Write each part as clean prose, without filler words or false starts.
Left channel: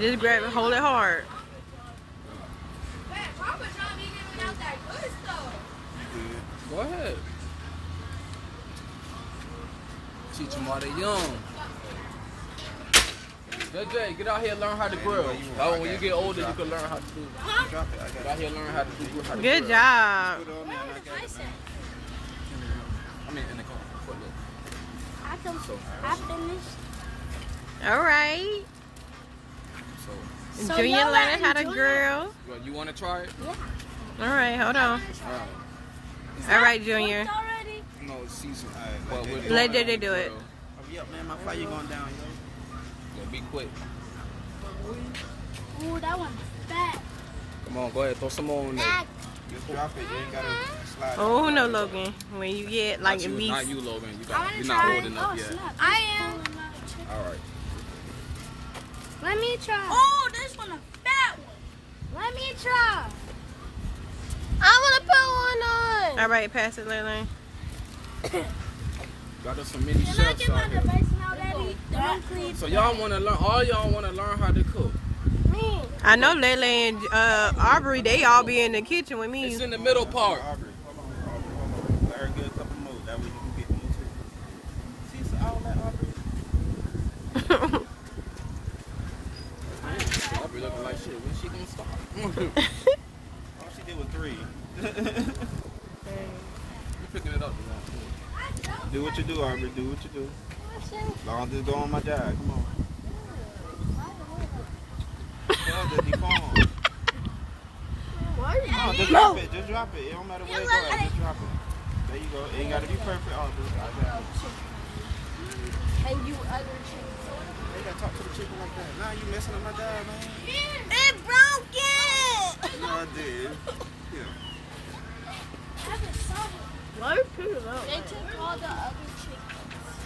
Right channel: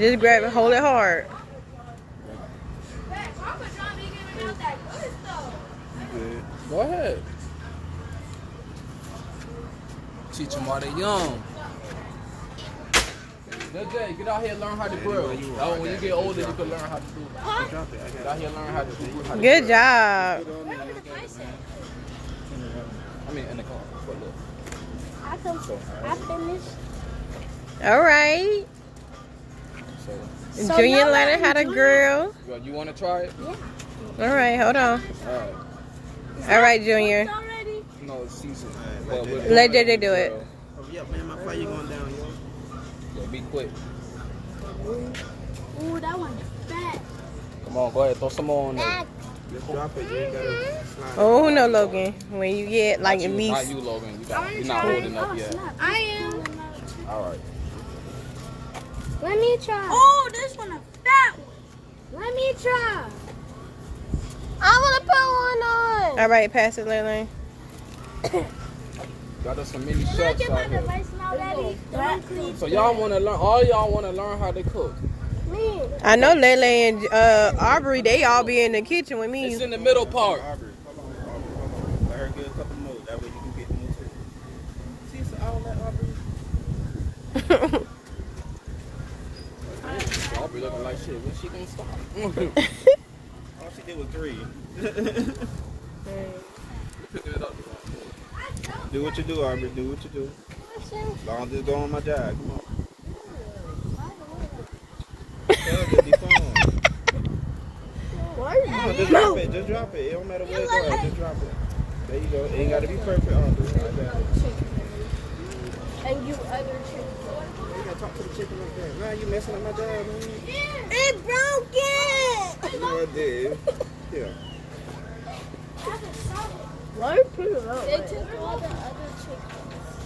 Just grab it, hold it hard. Go ahead. Teach them while they're young. JJ, get out here and learn how to grill. Oh, when you get older, you can learn how to do it. Get out here and learn how to do it. Good job. Where are the bicycles? I mean, in the car. I finished. All right. So, Junior y'all learning how to Junior? grill. well, you want to try it? Yeah. All right, hold on. All right, Junior. Already? No, it's seasoned. Let JJ do it. Hurry up, man. My fire going down, yo. Yeah, be quick. Ooh, that one's fat. Come on, go ahead. Throw some more on there. Just drop it. You ain't gotta slide. Oh, no, Logan. When you get like at Not least. you, Logan. You're not old enough yet. I am. All right. Let me try. Oh, this one a fat one. Let me try. I want to put one on. All right, pass it, Lele. Got us some mini Look chefs at my out here. device now, Daddy. Don't clean. So y'all want to learn? All y'all want to learn how to cook? Me. I know Lele and Aubrey, they all be in the kitchen with me. It's in the middle part. Aubrey, hold on. Let her get a couple more. That way you can get more too. See, so I will let Aubrey. I'll be looking like shit. What she think so? All she did was 3. You picking it up. Do what you do, Aubrey. Do what you do. As long as it's going on my job. Come on. Tell her to be calm. No, just drop it. Just drop it. It don't matter where it goes. Just drop it. There you go. It ain't got to be perfect, Aubrey. And you other You gotta talk to the chicken up there. Nah, you messing up my job, man. It broke it. No, I did. Yeah. Why you pick it up? They took all the other chickens.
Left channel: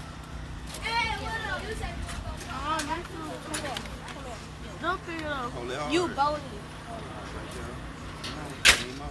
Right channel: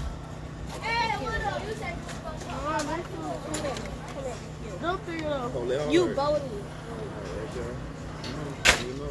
Hey, you said. Come here. Don't figure it out. Don't let her You hurt. bony. Okay. You know.